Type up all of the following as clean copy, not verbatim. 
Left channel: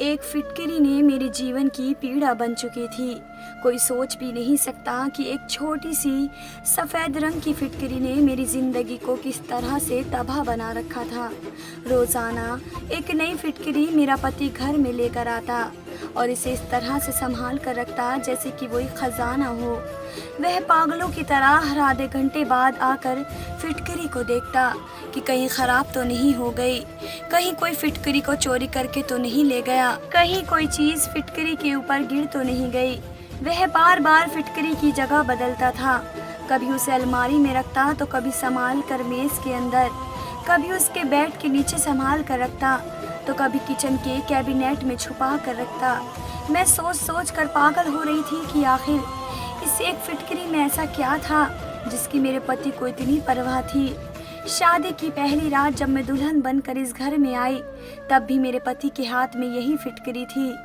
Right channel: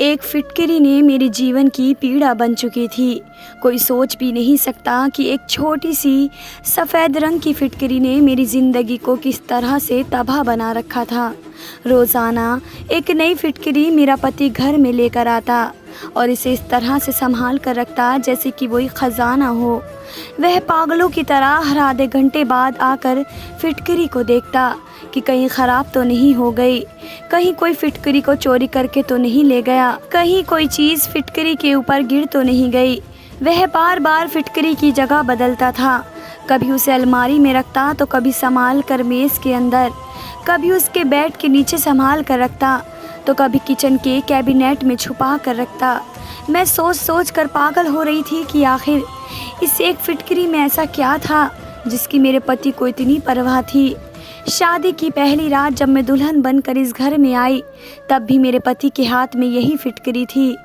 एक फिटकरी ने मेरे जीवन की पीड़ा बन चुकी थी। कोई सोच भी नहीं सकता कि एक छोटी सी सफ़ेद रंग की फिटकरी ने मेरी ज़िंदगी को किस तरह से तबाह बना रखा था। रोज़ाना एक नई फिटकरी मेरा पति घर में लेकर आता और इसे इस तरह से संभाल कर रखता जैसे कि वही ख़जाना हो। वह पागलों की तरह हर आधे घंटे बाद आकर फिटकरी को देखता कि कहीं ख़राब तो नहीं हो गई, कहीं कोई फिटकरी को चोरी करके तो नहीं ले गया, कहीं कोई चीज़ फिटकरी के ऊपर गिर तो नहीं गई। वह बार बार फिटकरी की जगह बदलता था। कभी उसे अलमारी में रखता तो कभी संभाल कर मेज़ के अंदर, कभी उसके बेड के नीचे संभाल कर रखता तो कभी किचन के कैबिनेट में छुपा कर रखता। मैं सोच सोच कर पागल हो रही थी कि आखिर इस एक फिटकरी में ऐसा क्या था जिसकी मेरे पति को इतनी परवाह थी। शादी की पहली रात जब मैं दुल्हन बनकर इस घर में आई, तब भी मेरे पति के हाथ में यही फिटकरी थी।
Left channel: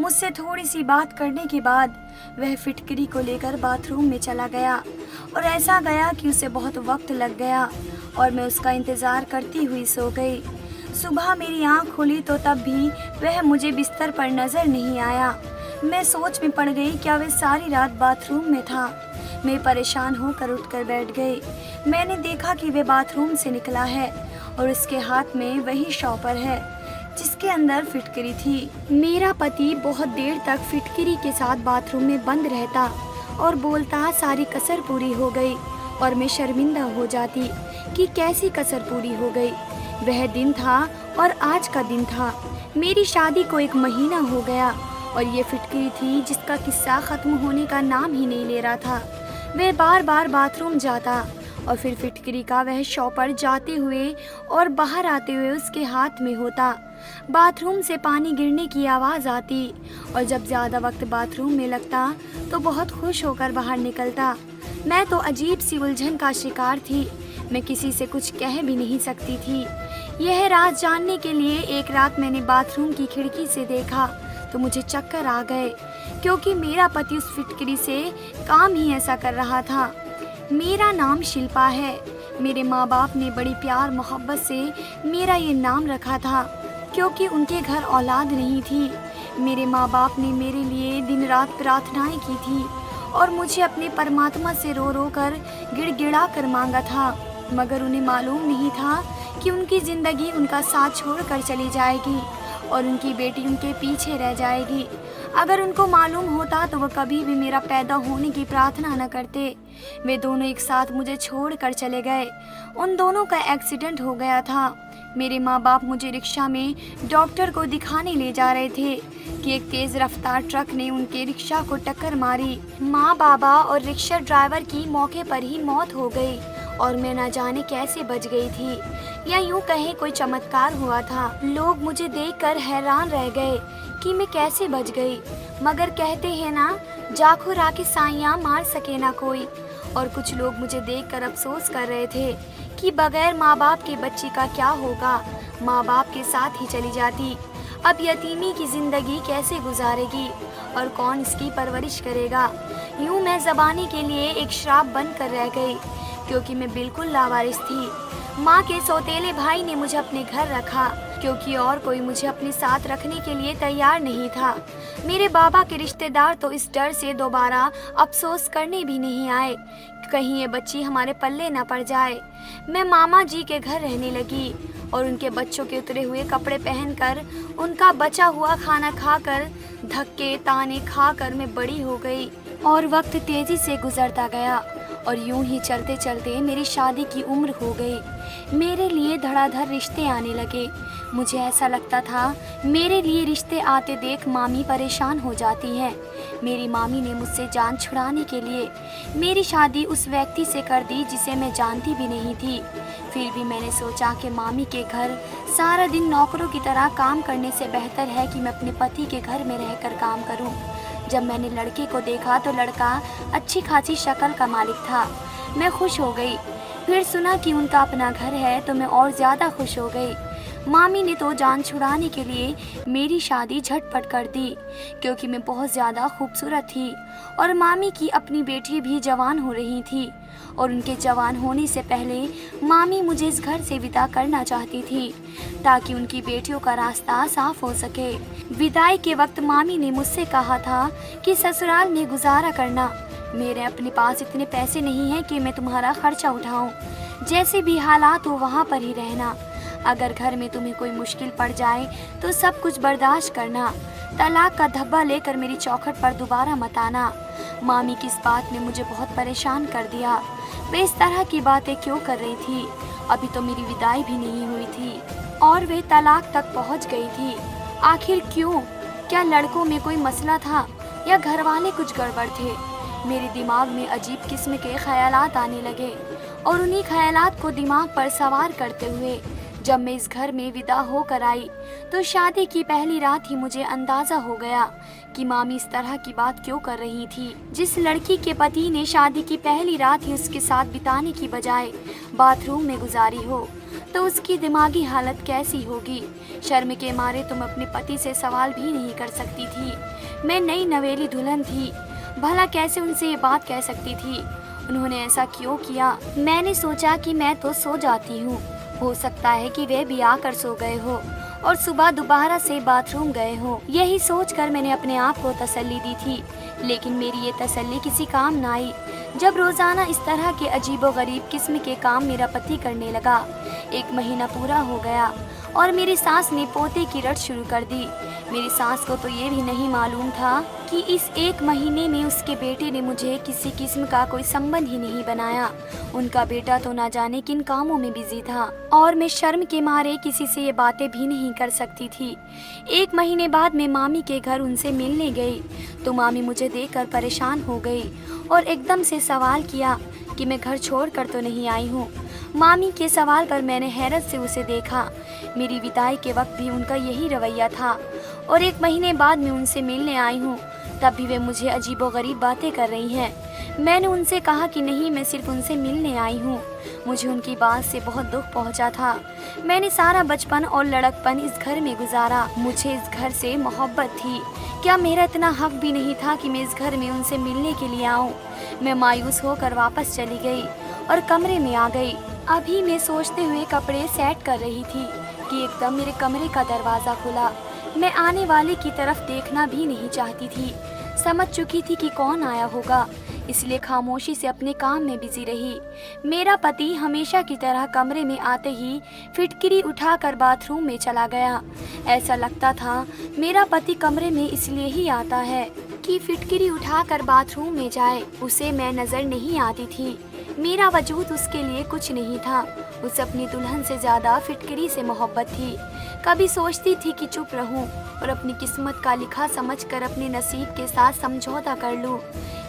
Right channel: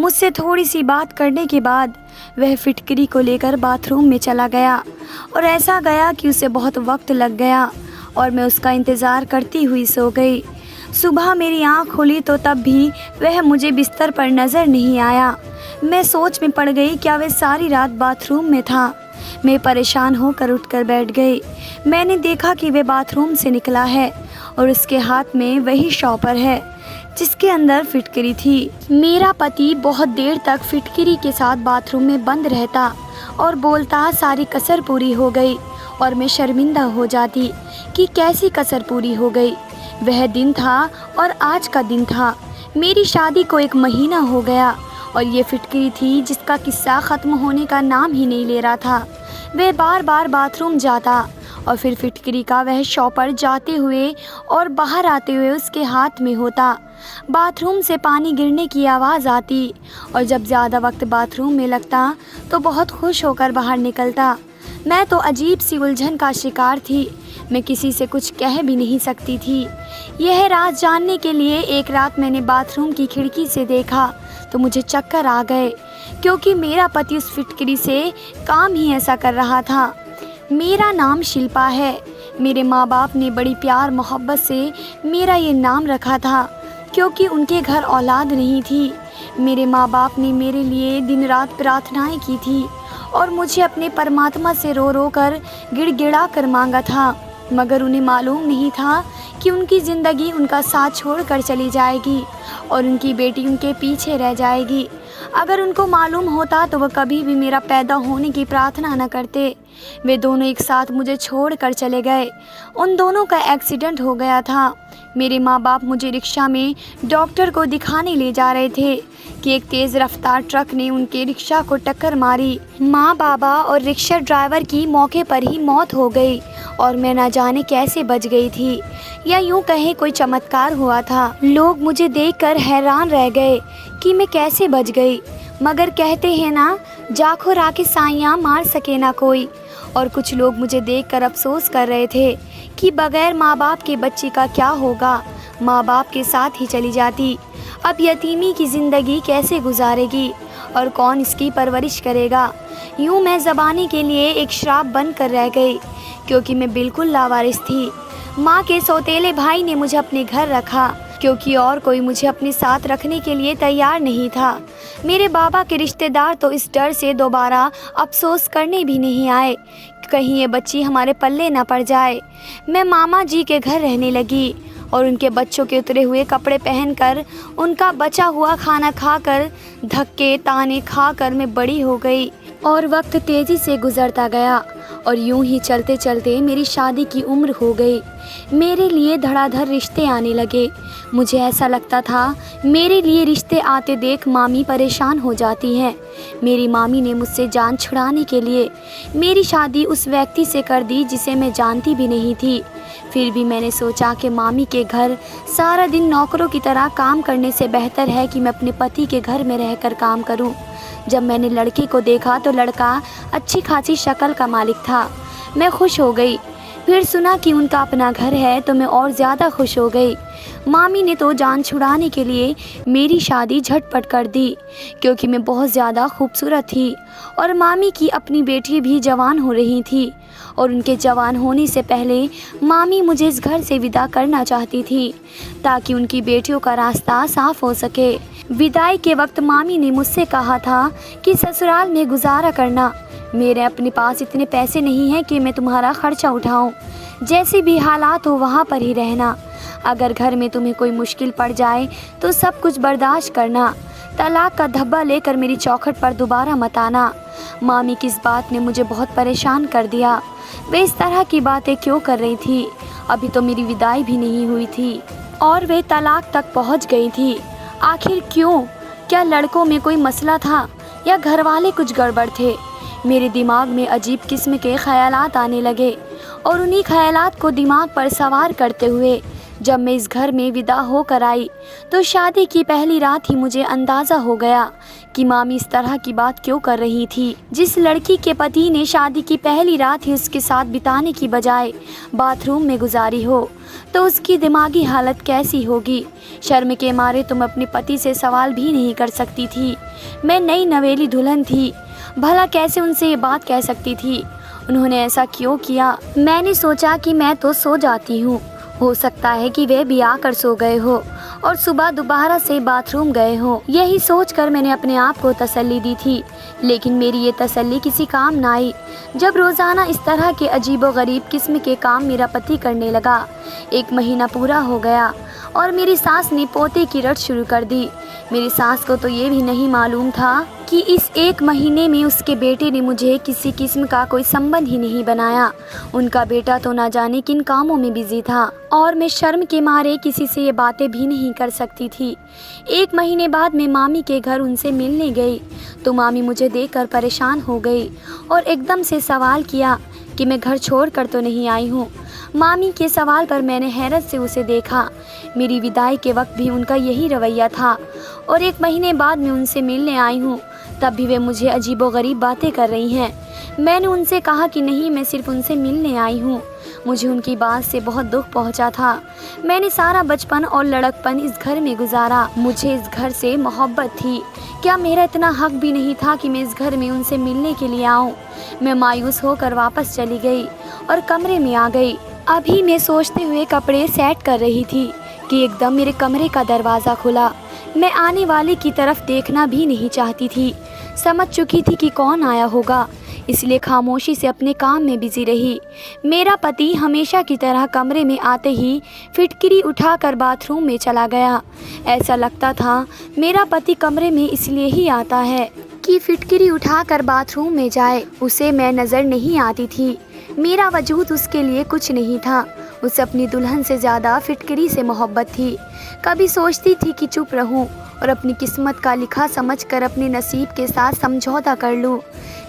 मुझसे थोड़ी सी बात करने के बाद वह फिटकरी को लेकर बाथरूम में चला गया और ऐसा गया कि उसे बहुत वक्त लग गया और मैं उसका इंतज़ार करती हुई सो गई। सुबह मेरी आँख खुली तो तब भी वह मुझे बिस्तर पर नज़र नहीं आया। मैं सोच में पड़ गई, क्या वह सारी रात बाथरूम में था। मैं परेशान होकर उठकर बैठ गई। मैंने देखा कि वह बाथरूम से निकला है और उसके हाथ में वही शॉपर है जिसके अंदर फिटकरी थी। मेरा पति बहुत देर तक फिटकरी के साथ बाथरूम में बंद रहता और बोलता सारी कसर पूरी हो गई और मैं शर्मिंदा हो जाती कि कैसी कसर पूरी हो गई। वह दिन था और आज का दिन था। मेरी शादी को 1 महीना हो गया और ये फिटकरी थी जिसका किस्सा ख़त्म होने का नाम ही नहीं ले रहा था। वह बार बार बाथरूम जाता और फिर फिटकरी का वह शॉपर जाते हुए और बाहर आते हुए उसके हाथ में होता। बाथरूम से पानी गिरने की आवाज़ आती और जब ज़्यादा वक्त बाथरूम में लगता तो बहुत खुश होकर बाहर निकलता। मैं तो अजीब सी उलझन का शिकार थी। मैं किसी से कुछ कह भी नहीं सकती थी। यह राज जानने के लिए एक रात मैंने बाथरूम की खिड़की से देखा तो मुझे चक्कर आ गए, क्योंकि मेरा पति उस फिटकरी से काम ही ऐसा कर रहा था। मेरा नाम शिल्पा है। मेरे माँ बाप ने बड़ी प्यार मोहब्बत से मेरा ये नाम रखा था, क्योंकि उनके घर औलाद नहीं थी। मेरे माँ बाप ने मेरे लिए दिन रात प्रार्थनाएं की थी और मुझे अपने परमात्मा से रो रो कर गिड़गिड़ा कर मांगा था, मगर उन्हें मालूम नहीं था कि उनकी ज़िंदगी उनका साथ छोड़कर चली जाएगी और उनकी बेटी उनके पीछे रह जाएगी। अगर उनको मालूम होता तो वह कभी भी मेरा पैदा होने की प्रार्थना न करते। वे दोनों एक साथ मुझे छोड़कर चले गए। उन दोनों का एक्सीडेंट हो गया था। मेरे माँ बाप मुझे रिक्शा में डॉक्टर को दिखाने ले जा रहे थे कि एक तेज़ रफ्तार ट्रक ने उनके रिक्शा को टक्कर मारी। माँ, बाबा और रिक्शा ड्राइवर की मौके पर ही मौत हो गई और मैं न जाने कैसे बच गई थी, या यूँ कहें कोई चमत्कार हुआ था। लोग मुझे देखकर हैरान रह गए कि मैं कैसे बच गई, मगर कहते हैं ना, जाखो राखे साइयाँ मार सके ना कोई। और कुछ लोग मुझे देखकर अफसोस कर रहे थे कि बगैर माँ बाप के बच्ची का क्या होगा, माँ बाप के साथ ही चली जाती। अब यतीमी की ज़िंदगी कैसे गुजारेगी और कौन इसकी परवरिश करेगा। यूँ मैं ज़बानी के लिए एक श्राप बन कर रह गई, क्योंकि मैं बिल्कुल लावारिस थी। माँ के सौतेले भाई ने मुझे अपने घर रखा, क्योंकि और कोई मुझे अपने साथ रखने के लिए तैयार नहीं था। मेरे बाबा के रिश्तेदार तो इस डर से दोबारा अफसोस करने भी नहीं आए कि कहीं ये बच्ची हमारे पल्ले ना पड़ जाए। मैं मामा जी के घर रहने लगी और उनके बच्चों के उतरे हुए कपड़े पहनकर, उनका बचा हुआ खाना खाकर, धक्के ताने खाकर मैं बड़ी हो गई और वक्त तेज़ी से गुजरता गया और यूं ही चलते चलते मेरी शादी की उम्र हो गई। मेरे लिए धड़ाधड़ रिश्ते आने लगे। मुझे ऐसा लगता था मेरे लिए रिश्ते आते देख मामी परेशान हो जाती है। मेरी मामी ने मुझसे जान छुड़ाने के लिए मेरी शादी उस व्यक्ति से कर दी जिसे मैं जानती भी नहीं थी। फिर भी मैंने सोचा कि मामी के घर सारा दिन नौकरों की तरह काम करने से बेहतर है कि मैं अपने पति के घर में रहकर काम करूं। जब मैंने लड़के को देखा तो लड़का अच्छी खासी शक्ल का मालिक था। मैं खुश हो गई। फिर सुना कि उनका अपना घर है तो मैं और ज़्यादा खुश हो गई। मामी ने तो जान छुड़ाने के लिए मेरी शादी झटपट कर दी, क्योंकि मैं बहुत ज़्यादा खूबसूरत थी और मामी की अपनी बेटी भी जवान हो रही थी, और उनके जवान होने से पहले मामी मुझे इस घर से विदा करना चाहती थी ताकि उनकी बेटियों का रास्ता साफ हो सके। विदाई के वक्त मामी ने मुझसे कहा था कि ससुराल में गुजारा करना, मेरे अपने पास इतने पैसे नहीं हैं कि मैं तुम्हारा खर्चा उठाऊं। जैसे भी हालात हो वहाँ पर ही रहना। अगर घर में तुम्हें कोई मुश्किल पड़ जाए तो सब कुछ बर्दाश्त करना। तलाक का धब्बा लेकर मेरी चौखट पर दोबारा मत आना। मामी की इस बात ने मुझे बहुत परेशान कर दिया। वे इस तरह की बातें क्यों कर रही थी? अभी तो मेरी विदाई भी नहीं हुई थी और वे तलाक तक पहुंच गई थी। आखिर क्यों? क्या लड़कों में कोई मसला था या घर वाले कुछ गड़बड़ थे? मेरे दिमाग में अजीब किस्म के ख्यालात आने लगे और उन्हीं ख्यालात को दिमाग पर सवार करते हुए जब मैं इस घर में विदा होकर आई तो शादी की पहली रात ही मुझे अंदाज़ा हो गया कि मामी इस तरह की बात क्यों कर रही थी। जिस लड़की के पति ने शादी की पहली रात ही उसके साथ बिताने की बजाय बाथरूम में गुजारी हो तो उसकी दिमागी हालत कैसी होगी। शर्म के मारे तुम अपने पति से सवाल भी नहीं कर सकती थी। मैं नई नवेली दुल्हन थी, भला कैसे उनसे ये बात कह सकती थी? उन्होंने ऐसा क्यों किया? मैंने सोचा कि मैं तो सो जाती हूँ, हो सकता है कि वे भी आकर सो गए हो और सुबह दोबारा से बाथरूम गए हो। यही सोचकर मैंने अपने आप को तसल्ली दी थी, लेकिन मेरी ये तसल्ली किसी काम न आई। जब रोज़ाना इस तरह के अजीबोगरीब किस्म के काम मेरा पति करने लगा। 1 महीना पूरा हो गया और मेरी सास ने पोते की रट शुरू कर दी। मेरी सास को तो ये भी नहीं मालूम था कि इस 1 महीने में उसके बेटे ने मुझे किसी किस्म का कोई संबंध ही नहीं बनाया। उनका बेटा तो ना जाने किन कामों में बिजी था और मैं शर्म के मारे किसी से ये बातें भी नहीं कर सकती थी। 1 महीने बाद मैं मामी के घर उनसे मिलने गई तो मामी मुझे देखकर परेशान हो गई और एकदम से सवाल किया कि मैं घर छोड़कर तो नहीं आई हूँ। मामी के सवाल पर मैंने हैरत से उसे देखा। मेरी विदाई के वक्त भी उनका यही रवैया था और 1 महीने बाद मैं उनसे मिलने आई हूँ, तब भी वे मुझे अजीबोगरीब बातें कर रही हैं। मैंने उनसे कहा कि नहीं, मैं सिर्फ उनसे मिलने आई हूँ। मुझे उनकी बात से बहुत दुख पहुँचा था। मैंने सारा बचपन और लड़कपन इस घर में गुजारा। मुझे इस घर से मोहब्बत थी। क्या मेरा इतना हक भी नहीं था कि मैं इस घर में उनसे मिलने के लिए आऊँ? मैं मायूस होकर वापस चली गई और कमरे में आ गई। अभी मैं सोचते हुए कपड़े सेट कर रही थी कि एकदम मेरे कमरे का दरवाज़ा खुला। मैं आने वाले की तरफ देखना भी नहीं चाहती थी। समझ चुकी थी कि कौन आया होगा, इसलिए खामोशी से अपने काम में बिजी रही। मेरा पति हमेशा की तरह कमरे में आते ही फिटकिरी उठाकर बाथरूम में चला गया। ऐसा लगता था मेरा पति कमरे में इसलिए ही आता है कि फिटकिरी उठाकर बाथरूम में जाए। उसे मैं नज़र नहीं आती थी। मेरा वजूद उसके लिए कुछ नहीं था। उसे अपनी दुल्हन से ज़्यादा फिटकिरी से मोहब्बत थी। कभी सोचती थी कि चुप रहूं और अपनी किस्मत का लिखा समझकर अपने नसीब के साथ समझौता कर लूं,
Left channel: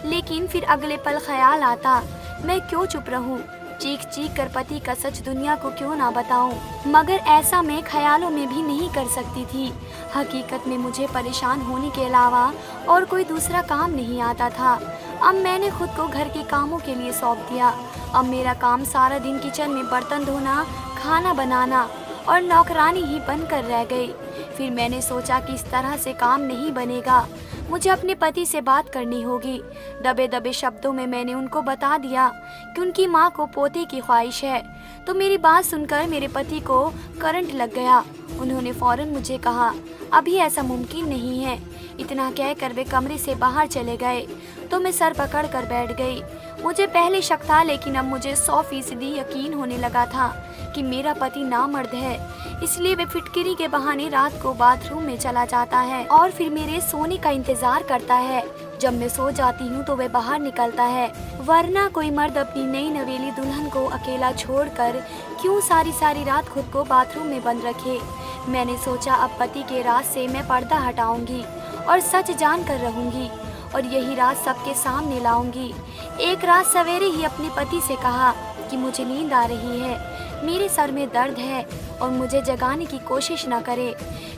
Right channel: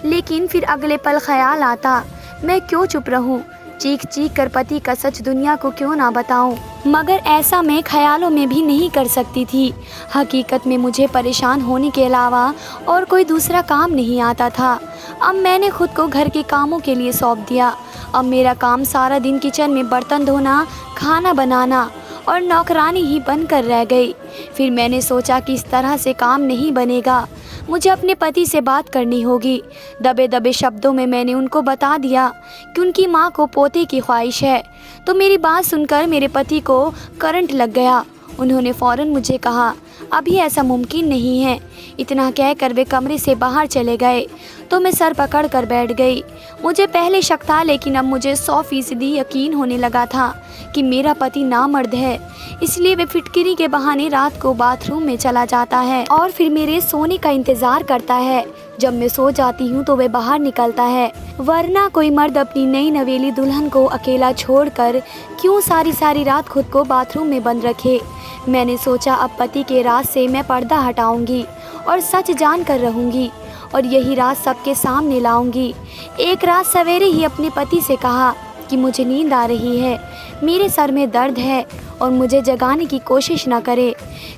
लेकिन फिर अगले पल ख्याल आता, मैं क्यों चुप रहूं? चीख चीख कर पति का सच दुनिया को क्यों ना बताऊं? मगर ऐसा मैं ख्यालों में भी नहीं कर सकती थी। हकीकत में मुझे परेशान होने के अलावा और कोई दूसरा काम नहीं आता था। अब मैंने खुद को घर के कामों के लिए सौंप दिया। अब मेरा काम सारा दिन किचन में बर्तन धोना, खाना बनाना और नौकरानी ही बनकर रह गई। फिर मैंने सोचा कि इस तरह से काम नहीं बनेगा, मुझे अपने पति से बात करनी होगी। दबे दबे शब्दों में मैंने उनको बता दिया कि उनकी माँ को पोते की ख्वाहिश है। तो मेरी बात सुनकर मेरे पति को करंट लग गया। उन्होंने फ़ौरन मुझे कहा, अभी ऐसा मुमकिन नहीं है। इतना कहकर वे कमरे से बाहर चले गए तो मैं सर पकड़ कर बैठ गई। मुझे पहले शक था, लेकिन अब मुझे 100% यकीन होने लगा था कि मेरा पति नामर्द है। इसलिए वे फिटकिरी के बहाने रात को बाथरूम में चला जाता है और फिर मेरे सोने का इंतज़ार करता है। जब मैं सो जाती हूँ तो वे बाहर निकलता है, वरना कोई मर्द अपनी नई नवेली दुल्हन को अकेला छोड़कर क्यों सारी रात खुद को बाथरूम में बंद रखे। मैंने सोचा अब पति के राज से मैं पर्दा हटाऊंगी और सच जान कर रहूंगी और यही राज सबके सामने लाऊंगी। एक रात सवेरे ही अपने पति से कहा कि मुझे नींद आ रही है, मेरे सर में दर्द है और मुझे जगाने की कोशिश न करे।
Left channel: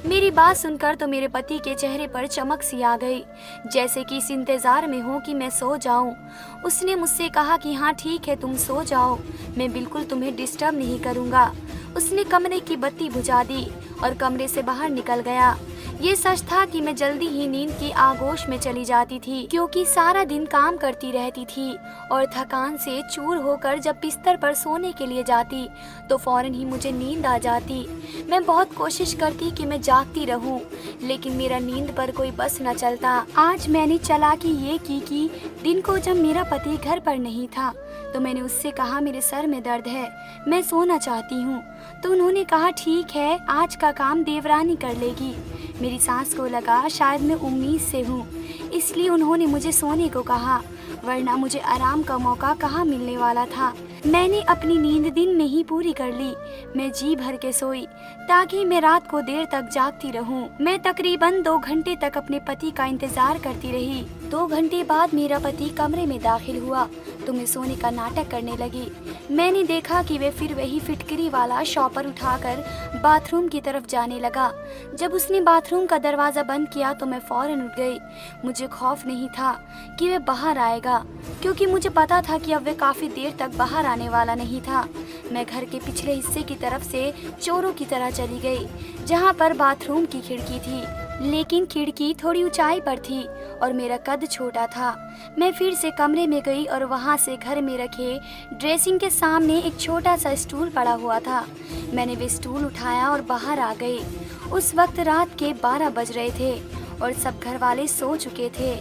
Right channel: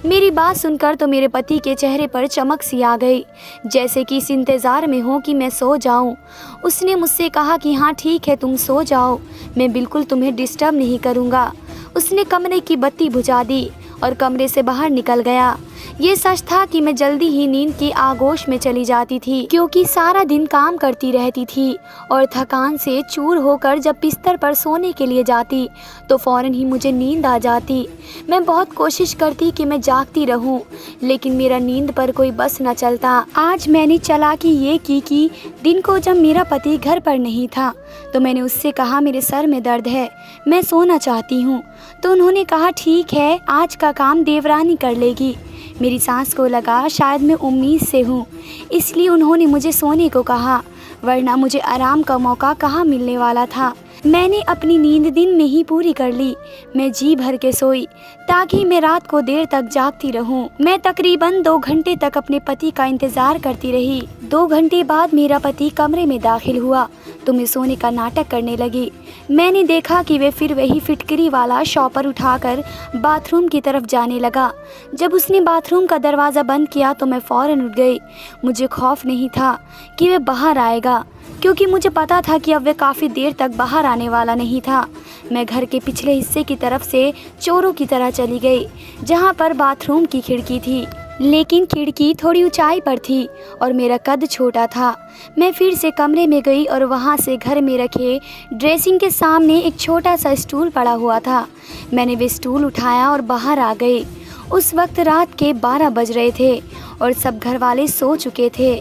मेरी बात सुनकर तो मेरे पति के चेहरे पर चमक सी आ गई, जैसे कि इस इंतज़ार में हो कि मैं सो जाऊं। उसने मुझसे कहा कि हाँ ठीक है, तुम सो जाओ, मैं बिल्कुल तुम्हें डिस्टर्ब नहीं करूँगा। उसने कमरे की बत्ती बुझा दी और कमरे से बाहर निकल गया। ये सच था कि मैं जल्दी ही नींद की आगोश में चली जाती थी, क्योंकि सारा दिन काम करती रहती थी और थकान से चूर होकर जब बिस्तर पर सोने के लिए जाती तो फौरन ही मुझे नींद आ जाती। मैं बहुत कोशिश करती कि मैं जागती रहूं, लेकिन मेरा नींद पर कोई बस न चलता। आज मैंने चालाकी ये की कि दिन को जब मेरा पति घर पर नहीं था तो मैंने उससे कहा मेरे सर में दर्द है, मैं सोना चाहती हूँ। तो उन्होंने कहा ठीक है, आज का काम देवरानी कर लेगी। मेरी सास को लगा शायद मैं उम्मीद से हूँ, इसलिए उन्होंने मुझे सोने को कहा, वरना मुझे आराम का मौका कहाँ मिलने वाला था। मैंने अपनी नींद दिन में ही पूरी कर ली। मैं जी भर के सोई ताकि मैं रात को देर तक जागती रहूं। मैं तकरीबन 2 घंटे तक अपने पति का इंतजार करती रही। 2 घंटे बाद मेरा पति कमरे में दाखिल हुआ तो मैं सोने का नाटक करने लगी। मैंने देखा कि वे फिर वही फिटकरी वाला शॉपर उठाकर बाथरूम की तरफ जाने लगा। जब उसने बाथरूम का दरवाज़ा बंद किया तो मैं फौरन उठ गई। मुझे खौफ नहीं था कि वह बाहर आएगा, क्योंकि मुझे पता था कि अब वह काफ़ी देर तक बाहर आने वाला नहीं था। मैं घर के पिछले हिस्से की तरफ से चोरों की तरह चली गई, जहाँ पर बाथरूम की खिड़की थी, लेकिन खिड़की थोड़ी ऊंचाई पर थी और मेरा कद छोटा था। मैं फिर से कमरे में गई और वहाँ से घर में रखे ड्रेसिंग के सामने एक छोटा सा स्टूल पड़ा हुआ था। मैंने वो स्टूल उठाया और बाहर आ गई। उस वक्त रात के 12 बज रहे थे और सब घर वाले सो चुके थे।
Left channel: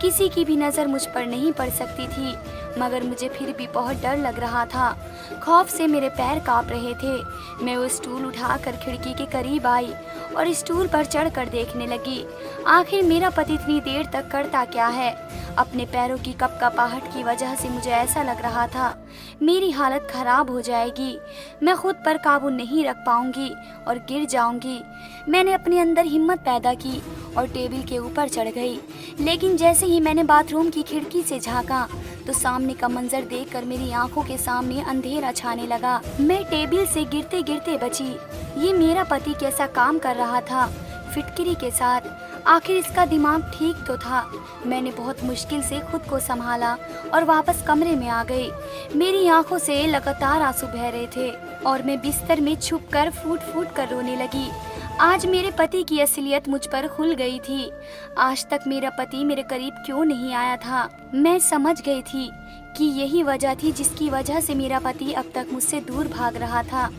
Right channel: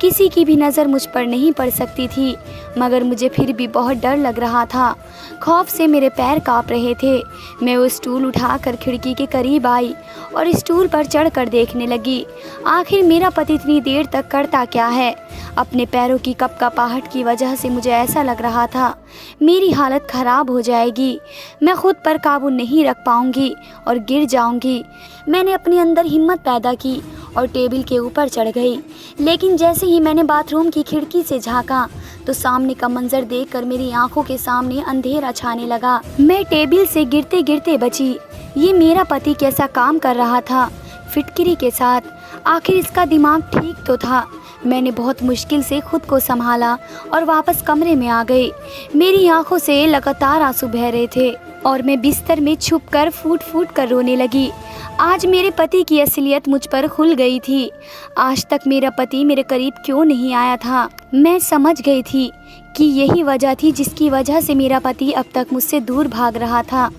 किसी की भी नज़र मुझ पर नहीं पड़ सकती थी, मगर मुझे फिर भी बहुत डर लग रहा था। खौफ से मेरे पैर कांप रहे थे। मैं वो स्टूल उठाकर खिड़की के करीब आई और स्टूल पर चढ़कर देखने लगी। आखिर मेरा पति इतनी देर तक करता क्या है? अपने पैरों की कपकपाहट की वजह से मुझे ऐसा लग रहा था मेरी हालत ख़राब हो जाएगी, मैं खुद पर काबू नहीं रख पाऊंगी और गिर जाऊंगी। मैंने अपने अंदर हिम्मत पैदा की और टेबल के ऊपर चढ़ गई, लेकिन जैसे ही मैंने बाथरूम की खिड़की से झांका तो सामने का मंजर देखकर मेरी आंखों के सामने अंधेरा छाने लगा। मैं टेबल से गिरते गिरते बची। ये मेरा पति कैसा काम कर रहा था फिटकिरी के साथ? आखिर इसका दिमाग ठीक तो था। मैंने बहुत मुश्किल से खुद को संभाला और वापस कमरे में आ गई। मेरी आंखों से लगातार आंसू बह रहे थे और मैं बिस्तर में छुपकर फूट फूट कर रोने लगी। आज मेरे पति की असलियत मुझ पर खुल गई थी। आज तक मेरा पति मेरे करीब क्यों नहीं आया था? मैं समझ गई थी कि यही वजह थी जिसकी वजह से मेरा पति अब तक मुझसे दूर भाग रहा था।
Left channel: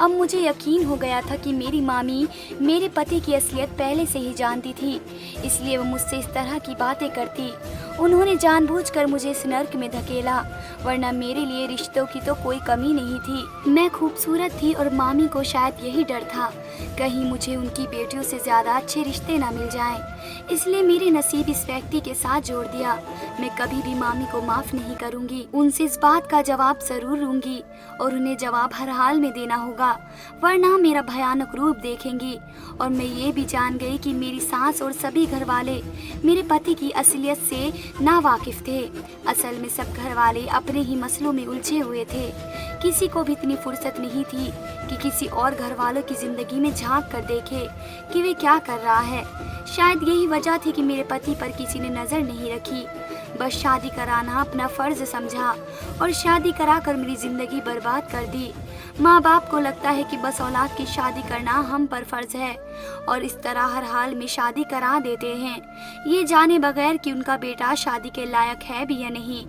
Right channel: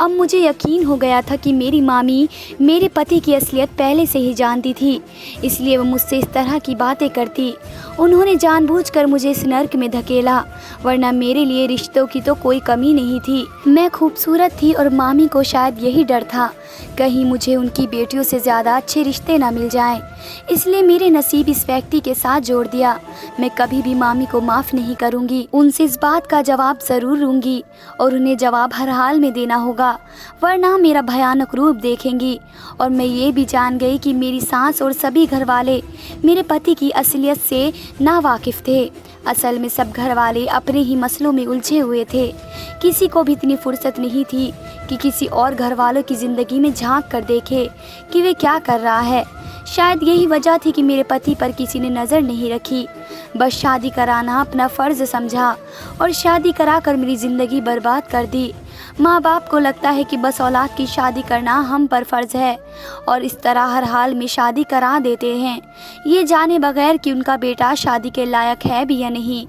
अब मुझे यकीन हो गया था कि मेरी मामी मेरे पति की असलियत पहले से ही जानती थी, इसलिए वो मुझसे इस तरह की बातें करती। उन्होंने जानबूझकर मुझे इस नर्क में धकेला, वरना मेरे लिए रिश्तों की तो कोई कमी नहीं थी। मैं खूबसूरत थी और मामी को शायद यही डर था कहीं मुझे उनकी बेटियों से ज़्यादा अच्छे रिश्ते ना मिल जाएं। इसलिए मेरे नसीब इस व्यक्ति के साथ जोड़ दिया। मैं कभी भी मामी को माफ़ नहीं करूंगी, उनसे इस बात का जवाब ज़रूर लूँगी और उन्हें जवाब हर हाल में देना होगा, वरना मेरा भयानक रूप देखेंगी। और मैं ये भी जान गई कि मेरी सास और सभी घर वाले मेरे पति की असलियत से नावाकिफ़ थे। असल में सब घर वाले अपने ही मसलों में उलझे हुए थे। किसी को भी इतनी फुर्सत नहीं थी कि किसी और घर वालों की ज़िंदगी में झांक कर देखे कि वे क्या कर रहा है। शायद यही वजह थी कि मेरे पति पर किसी ने नज़र नहीं रखी। बस शादी कराना अपना फ़र्ज़ समझा और शादी कराकर मेरी ज़िंदगी बर्बाद कर दी। माँ बाप को लगता है कि बस औलाद की शादी करना हम पर फ़र्ज़ है और इस तरह हर हाल में शादी करा देते हैं, ये जाने बगैर कि उनका बेटा शादी के लायक है भी या नहीं।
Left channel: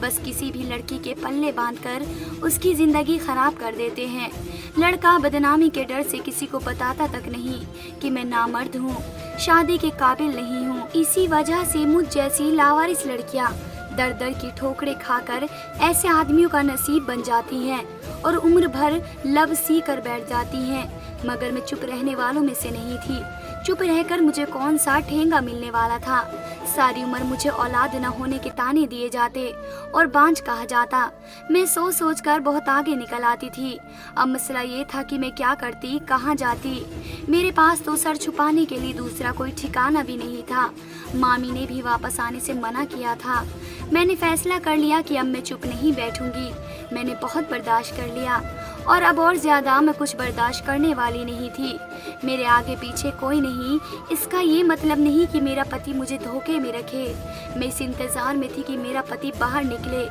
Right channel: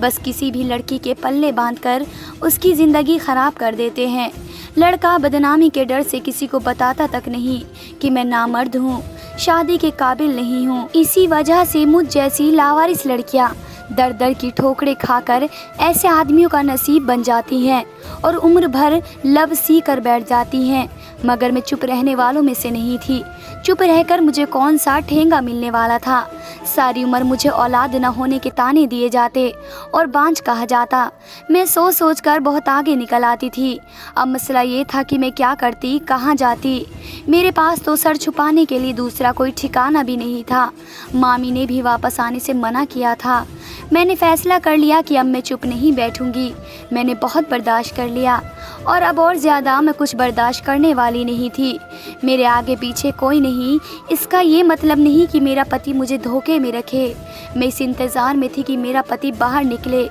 बस किसी भी लड़की के पल्ले बांधकर उसकी ज़िंदगी ख़राब कर देते हैं। लड़का बदनामी के डर से किसी को बताता तक नहीं कि मैं नामर्द हूँ, शादी के काबिल नहीं हूँ। इसी वजह से मुझ जैसी लावारिस लड़कियाँ दर दर की ठोकरें खाकर ऐसे आदमियों का नसीब बन जाती हैं और उम्र भर लब सी कर बैठ जाती हैं। मगर मैं चुप रहने वालों में से नहीं थी। चुप रहकर मुझे कौन सा ठेंगा मिलने वाला था? सारी उम्र मुझे औलाद न होने के ताने दिए जाते और बांझ कहा जाता। मैं सोच सोच कर बहुत आगे निकल आती थी। अब मसला ये था कि मैं क्या करती, कहाँ जाती। मेरे पास तो सर छुपाने के लिए दूसरा कोई ठिकाना भी नहीं था। मामी ने भी वापस आने से मना किया था। मैंने फैसला कर लिया कि अब मैं चुप नहीं बैठूंगी। मैंने बहुत बर्दाश्त कर लिया और अब और ज़्यादा मैं कुछ बर्दाश्त करने वाली नहीं थी। मेरे आगे पीछे कोई नहीं, इसका ये मतलब नहीं कि मेरा पति मुझे धोखे में रखे। मैं इस इंतज़ार में थी कि मेरा पति बाहर निकले।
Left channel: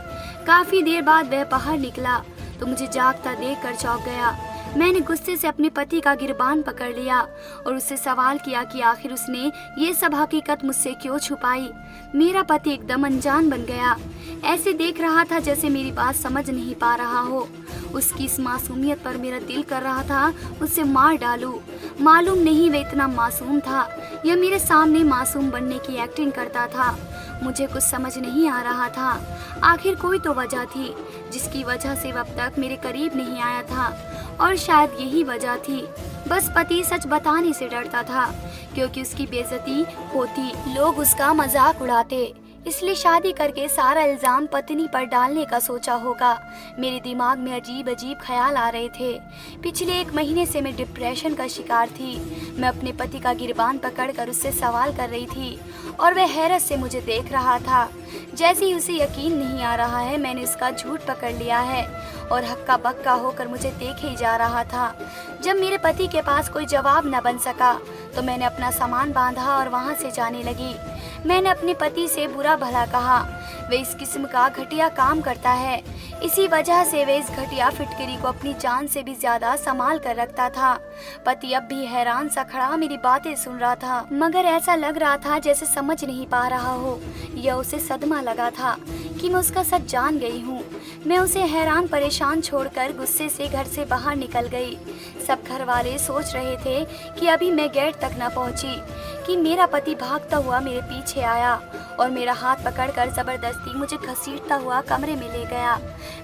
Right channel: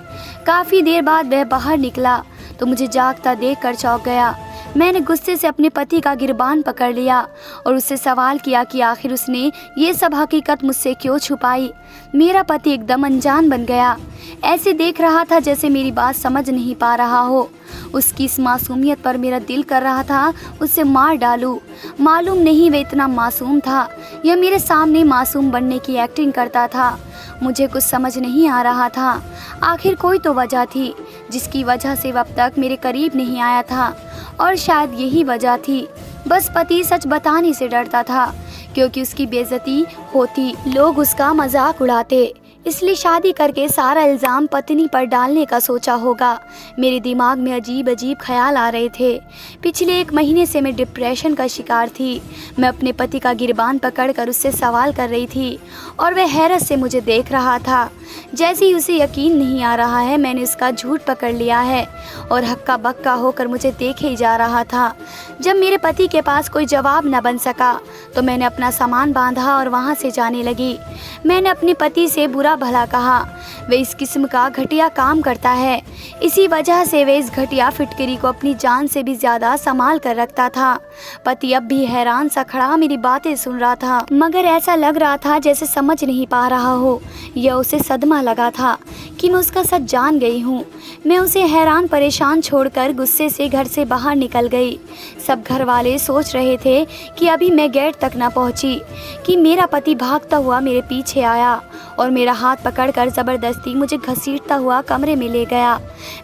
काफ़ी देर बाद वह बाहर निकला तो मुझे जागता देखकर चौंक गया। मैंने गुस्से से अपने पति का गिरबान पकड़ लिया और उससे सवाल किया कि आखिर उसने ये सब हकीकत मुझसे क्यों छुपाई। मेरा पति एकदम अनजान बन गया, ऐसे देख रहा था जैसे मेरी बात समझ नहीं पा रहा हो। उसकी इस मासूमियत पर मेरा दिल कर रहा था उसे मार डालूं। मालूम नहीं वह इतना मासूम था या मेरे सामने मासूम बनने की एक्टिंग करता था। मुझे कुछ समझ नहीं आ रहा था। आखिर कोई तो वजह थी जिसकी वजह से वह अब तक मेरे करीब नहीं आया था, और शायद यही वजह थी। बस पति सच बताने से डरता था क्योंकि उसकी बेइज्जती होती, लोग उसका मजाक उड़ाते, इसलिए शादी करके सारा इल्ज़ाम पत्नी पर डालने का सोचा होगा। मेरे दिमाग में अजीब अजीब ख्याल आ रहे थे। पिछले 1 महीने से मैं डिप्रेशन का शिकार थी। मैं अपने पति का गिरबान पकड़कर उससे सवाल कर रही थी और वह हैरत से मुझे देख रहा था। जैसे ही उसे यकीन नहीं आ रहा है मैंने उसका झूठ पकड़ लिया है और हक्का बक्का होकर मुझे देखे ही जा रहा था। जब मेरे पति के पास कोई जवाब न बन सका तो मैंने अपना सामान बांधा और वहाँ से जाने लगी। मैंने अपने पति से बुरा भला कहा। वह इस किस्म का घटिया काम करता है, इसी वजह से वह इस घटिया फिटकरी को अपनी जान से भी ज़्यादा संभाल कर रखता था। पति अब भी हैरान सा खड़ा मेरी बातें सुन रहा था, मगर ऐसा लग रहा था जैसे समझ नहीं पा रहा हो या उसे सदमा लगा था कि मैं उसका सच जान गई हूँ। मैं उसे हैरान परेशान छोड़कर गुस्से से घर से बाहर निकल गई। सब घर वाले सोच रहे थे कि अभी मैं गेट तक न पहुँची कि मेरा पति भागता हुआ मेरे पीछे आया और मेरा हाथ पकड़कर ज़बरदस्ती मुझे घसीटता हुआ कमरे में ले गया।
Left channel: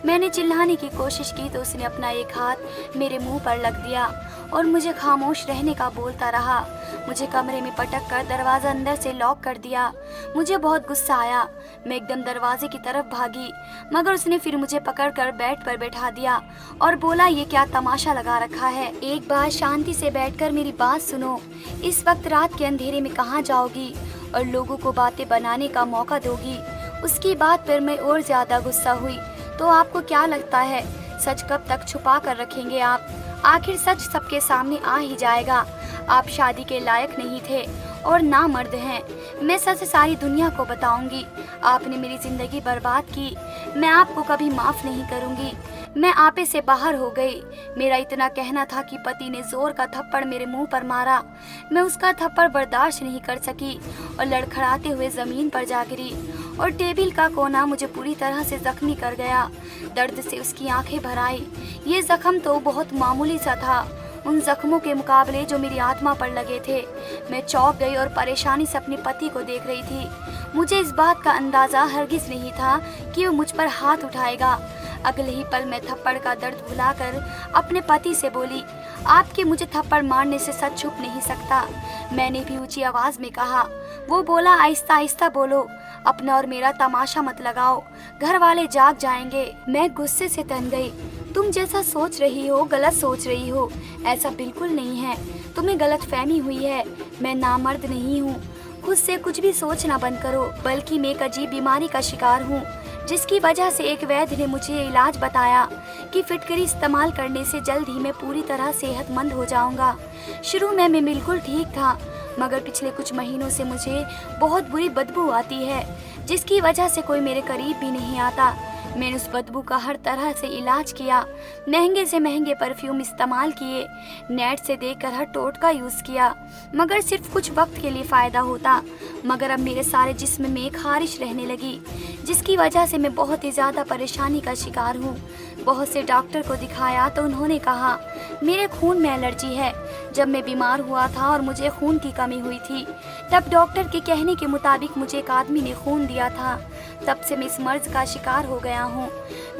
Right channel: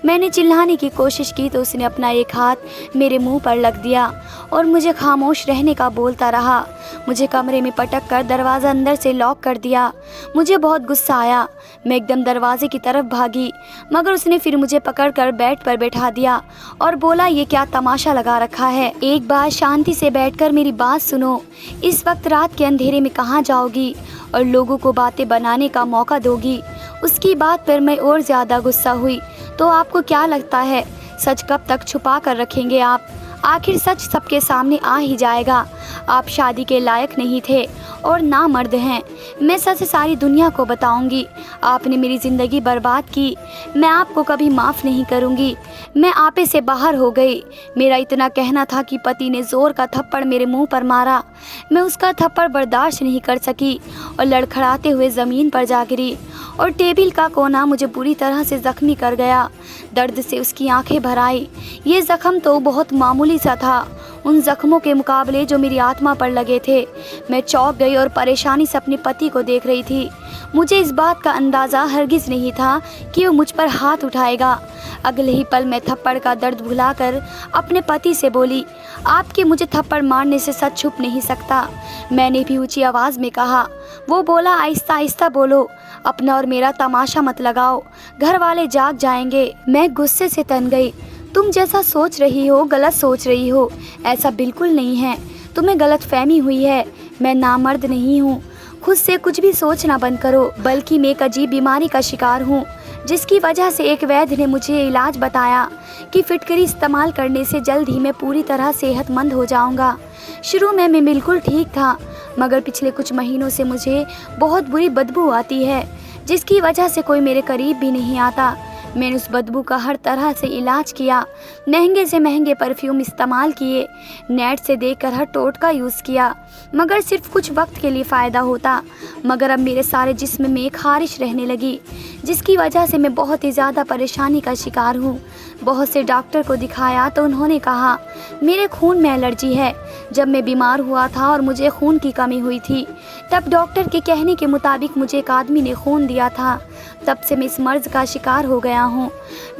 मैंने चिल्लाने की कोशिश की तो उसने अपना एक हाथ मेरे मुंह पर लग दिया और मुझे खामोश रहने का बोलता रहा। मुझे कमरे में पटक कर दरवाज़ा अंदर से लॉक कर दिया। मुझे बहुत गुस्सा आया। मैं एकदम दरवाजे की तरफ भागी, मगर उसने फिर मुझे पकड़कर बेड पर बैठा दिया और बोला, ये क्या तमाशा लगा रखा है? एक बार शांति से बैठकर मेरी बात सुनो। इस वक्त रात के अंधेरे में कहाँ जाओगी और लोगों को बातें बनाने का मौका दोगी? उसकी बात पर मैं और ज़्यादा गुस्सा हुई। तो आपको क्या लगता है सच कब तक छुपा कर रखेंगे आप? आखिर सच सबके सामने आ ही जाएगा। आप शादी के लायक नहीं थे और ना मर्द हैं। मैं सच सारी दुनिया को बताऊंगी। आपने मेरी ज़िंदगी बर्बाद की। मैं आपको कभी माफ़ नहीं करूंगी। मैं आपे से बाहर हो गई। मेरा इतना कहना था कि पति ने ज़ोर का थप्पड़ मेरे मुंह पर मारा। मैं उसका थप्पड़ बर्दाश्त नहीं कर सकी और लड़खड़ाते हुए ज़मीन पर जा गिरी और टेबल का कोना मुझे पूरी तरह से ज़ख्मी कर गया। दर्द से उसकी आंखें भर आई। ये ज़ख्म तो बहुत मामूली सा था उन जख्मों के मुकाबले जो मेरी आत्मा पर लगे थे। मैं चौंक गई और परेशानी से अपने पति को देख रही थी। मुझे इस बात का अंदाज़ा हरगिज़ नहीं था कि वो मुझ पर हाथ उठाएगा। अगले ही पल मैं थप्पड़ का दर्द भुलाकर अपने पति से बोली, आपके मुझे थप्पड़ मारने से सच छुप नहीं सकता। मैंने भी ऊंची आवाज़ में कहा। वो बोला, आहिस्ता आहिस्ता बोलो, अपना और मेरा तमाशा मत लगाओ, घर वाले जाग जाएंगे। मैं गुस्से से तन गई। तुम जैसा सोच रही हो गलत सोच रही हो। ऐसा बिल्कुल नहीं है। तुम्हें गलत फहमी हुई है। मैं नामर्द नहीं हूँ। खुद से कुछ भी सोचना बंद करो। बल्कि मैं एक अजीब बीमारी का शिकार हूँ जिसकी वजह से एक वैद्य ने मुझे इलाज बताया कि फिटकरी इस्तेमाल करने से जल्द ही मैं पूरी तरह सेहतमंद हो जाऊँगा। शुरू में मैं बिल्कुल ठीक था, मगर पिछले कुछ महीनों से मुझे बहुत बुरी बदबू आती है जिसकी वजह से कोई मेरे करीब भी नहीं आता। मैंने उस बदबू का हर तरह से इलाज किया, महंगे से महंगे परफ्यूम इस्तेमाल किए, नेट से देखकर हर टोटका यूज़ किया, मगर सिर्फ कुछ वक्त के लिए फ़ायदा होता। मगर अब मेरे सारे जिस्म में खारिश रहने लगी जिसकी वजह से मैं बहुत ही ज़्यादा परेशानी का शिकार हूँ। बहुत से डॉक्टर को दिखाया तो उन्होंने कहा मेरे खून में एलर्जी है। जब मैं बीमार हुआ था और मुझे खून की कमी हुई थी तब डॉक्टर के कहने के मुताबिक मुझे एक आदमी ने खून दिया था। तब से मैं इस मर्ज का शिकार हो गया हूँ।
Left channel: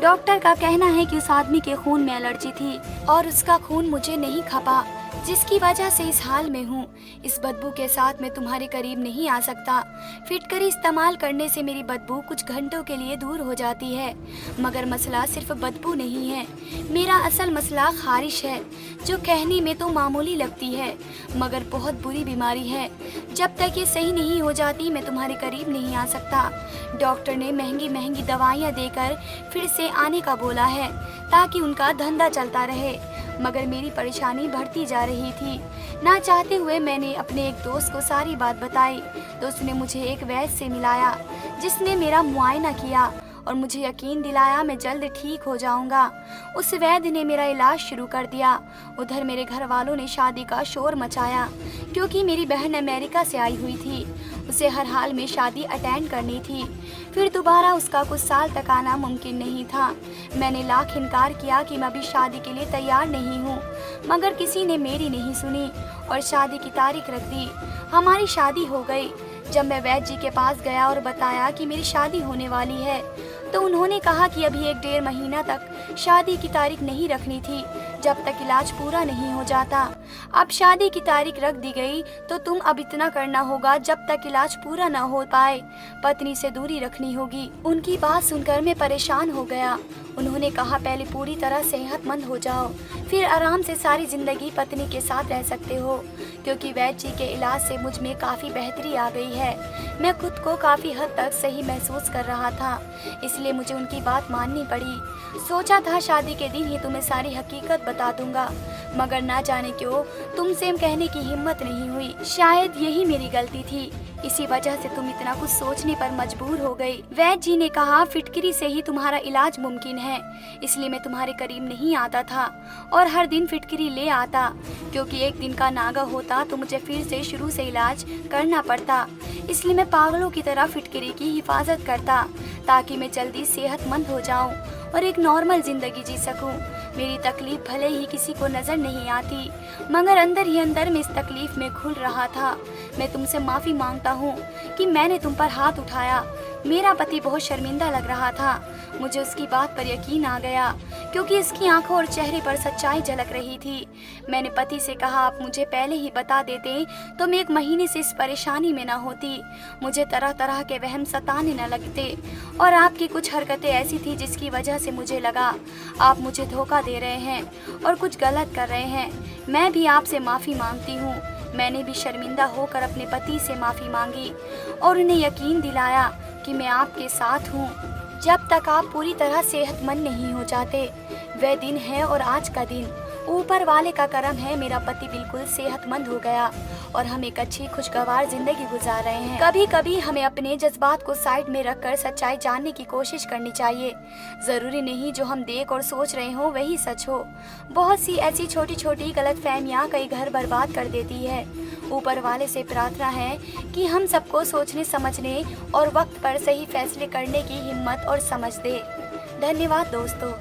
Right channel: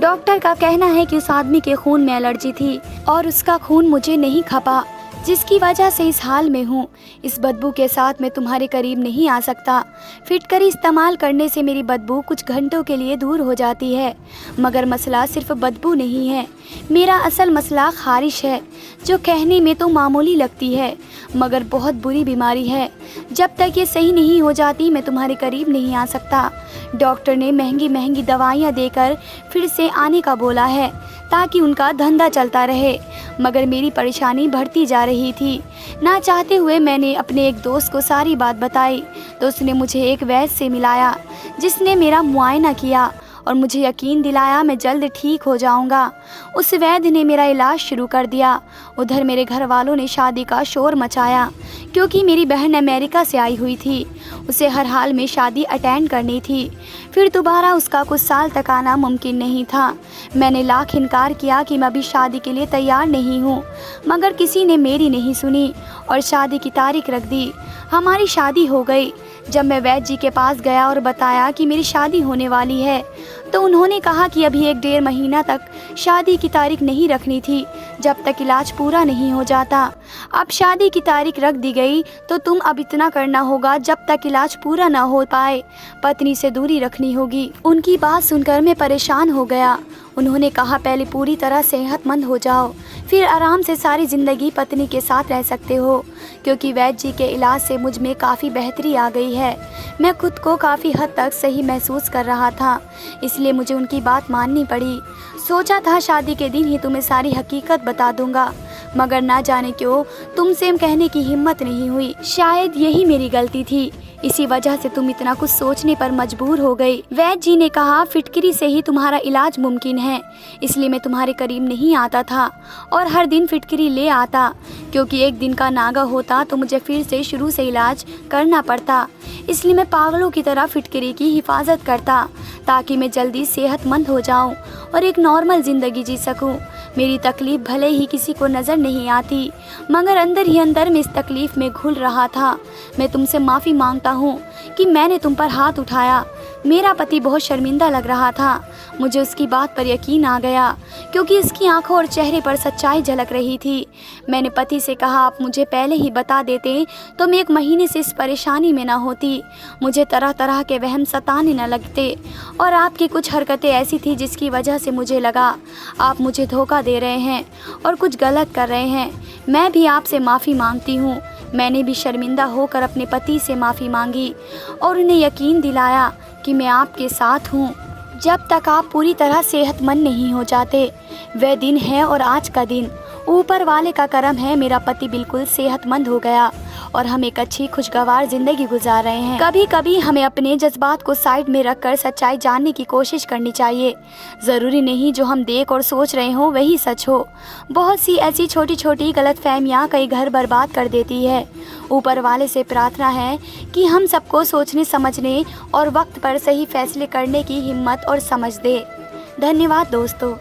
डॉक्टर का कहना है कि उस आदमी के खून में एलर्जी थी और उसका खून मुझे नहीं खपा, जिसकी वजह से इस हाल में हूँ। इस बदबू के साथ मैं तुम्हारे करीब नहीं आ सकता। फिटकरी इस्तेमाल करने से मेरी बदबू कुछ घंटों के लिए दूर हो जाती है, मगर मसला सिर्फ बदबू नहीं है। मेरा असल मसला खारिश है, जो कहने में तो मामूली लगती है मगर बहुत बुरी बीमारी है। जब तक ये सही नहीं हो जाती मैं तुम्हारे करीब नहीं आ सकता। डॉक्टर ने महंगी महंगी दवाइयाँ देकर फिर से आने का बोला है ताकि उनका धंधा चलता रहे। मगर मेरी परेशानी बढ़ती जा रही थी। ना चाहते हुए मैंने अपने एक दोस्त को सारी बात बताई तो उसने मुझे एक वैद्य से मिलाया, जिसने मेरा मुआयना किया और मुझे यकीन दिलाया मैं जल्द ठीक हो जाऊंगा। उस वैद्य ने मेरा इलाज शुरू कर दिया। उधर मेरे घर वालों ने शादी का शोर मचाया, क्योंकि मेरी बहन अमेरिका से आई हुई थी। उसे हर हाल में शादी अटेंड करनी थी, फिर दोबारा उसका कुछ साल तक आना मुमकिन नहीं था। मैंने लाख इनकार किया कि मैं अभी शादी के लिए तैयार नहीं हूँ, मगर किसी ने मेरी नहीं सुनी और शादी की तारीख रख दी। हमारी शादी हो गई। जब मैं वैद्य जी के पास गया और बताया कि मेरी शादी होने वाली है, तो उन्होंने कहा कि अभी 1-1.5 महीना तक शादी की तारीख नहीं रखनी थी, जब तक इलाज पूरा नहीं हो जाता। अब शादी की तारीख रख दी गई तो तुम अब इतना करना होगा, जब तक इलाज पूरा ना हो पाए पत्नी से दूरी रखनी होगी। उनकी बात सुनकर मैं परेशान हो गया। उन्होंने कहा पहले पूरी तरह सेहतमंद हो जाओ, फिर आराम से सारी ज़िंदगी पत्नी के साथ रह सकते हो। क्योंकि वैद्य जी के इलाज से मुझ में काफ़ी बेहतरी आ गई है। मैं खुद को काफ़ी हद तक सही महसूस कर रहा था, इसलिए मुझे उनकी बात माननी पड़ी। सोचा था शादी के दिन ही तुम्हें सारी हकीकत बता दूंगा, मगर ना जाने क्यों तुमसे कहने की हिम्मत नहीं हुई। शायद यही मेरी गलती थी, इसी वजह से तुम इतना कुछ सोचने पर मजबूर हो गई। वैद्य जी ने कहा फिटकरी से ही तुम्हारा इलाज मुमकिन है, इसलिए मैं तुम्हारे करीब नहीं आता था और हर दिन फिटकरी ले आता, क्योंकि एक दिन का नागा होता तो मुझे फिर से शुरू से इलाज करना पड़ता। इसलिए मैं पागलों की तरह फिटकरी की हिफाजत करता, ताकि मैं जल्दी सेहतमंद हो जाऊं और एक नॉर्मल ज़िंदगी जी सकूं। मेरी तकलीफ़ भले ही किसी को नज़र नहीं आती, मगर अंदर ही अंदर मैं इस तकलीफ़ में घुल रहा था। मैं तुमसे माफ़ी मांगता हूँ कि मैंने तुम पर हाथ उठाया। मेरा पति बहुत शर्मिंदा लग रहा था। मुझे उसकी बात पर यकीन आ गया, क्योंकि इसकी आंखों और चेहरे पर सच्चाई झलक रही थी। मैंने पति से कहा आप मुझे पहले ही बता देते तो मैं 1 महीने से इस परेशानी में ना होती। मुझे तरह तरह के वहम सताने न लगते, और आपकी कुछ हरकतें ऐसी थी जिसकी वजह से मुझे लगा आप मुझे धोखा दे रहे हैं और कुछ गलत कर रहे हैं। मैं भी आपसे माफ़ी मांगती हूँ। मैंने भी शर्मिंदा होकर अपने पति से माफ़ी मांगी और उन्हें यकीन दिलाया कि मैं आपके साथ हूँ जब तक आप पूरी तरह सेहतमंद नहीं हो जाते। वह दिन है और आज का दिन ऊपर वाले का करम है, मेरा पति बिल्कुल सेहतमंद हो गया और हम एक अच्छी खुशगवार जिंदगी गुजार रहे हैं। कभी कभी हमें अपने जज्बात को साइड में रखकर सच्चाई जानने की कोशिश करनी चाहिए। ज़रूरी नहीं जो हम देख और सोच रहे हो वही सच हो। बहुत सी ऐसी छोटी छोटी गलतफहमियां कई घर बर्बाद कर देती है। ऊपर वाले से प्रार्थना है कि हम सबको सोचने समझने और वक्त पर सही फैसले करने की हिम्मत और समझ दे। धन्यवाद दोस्तों।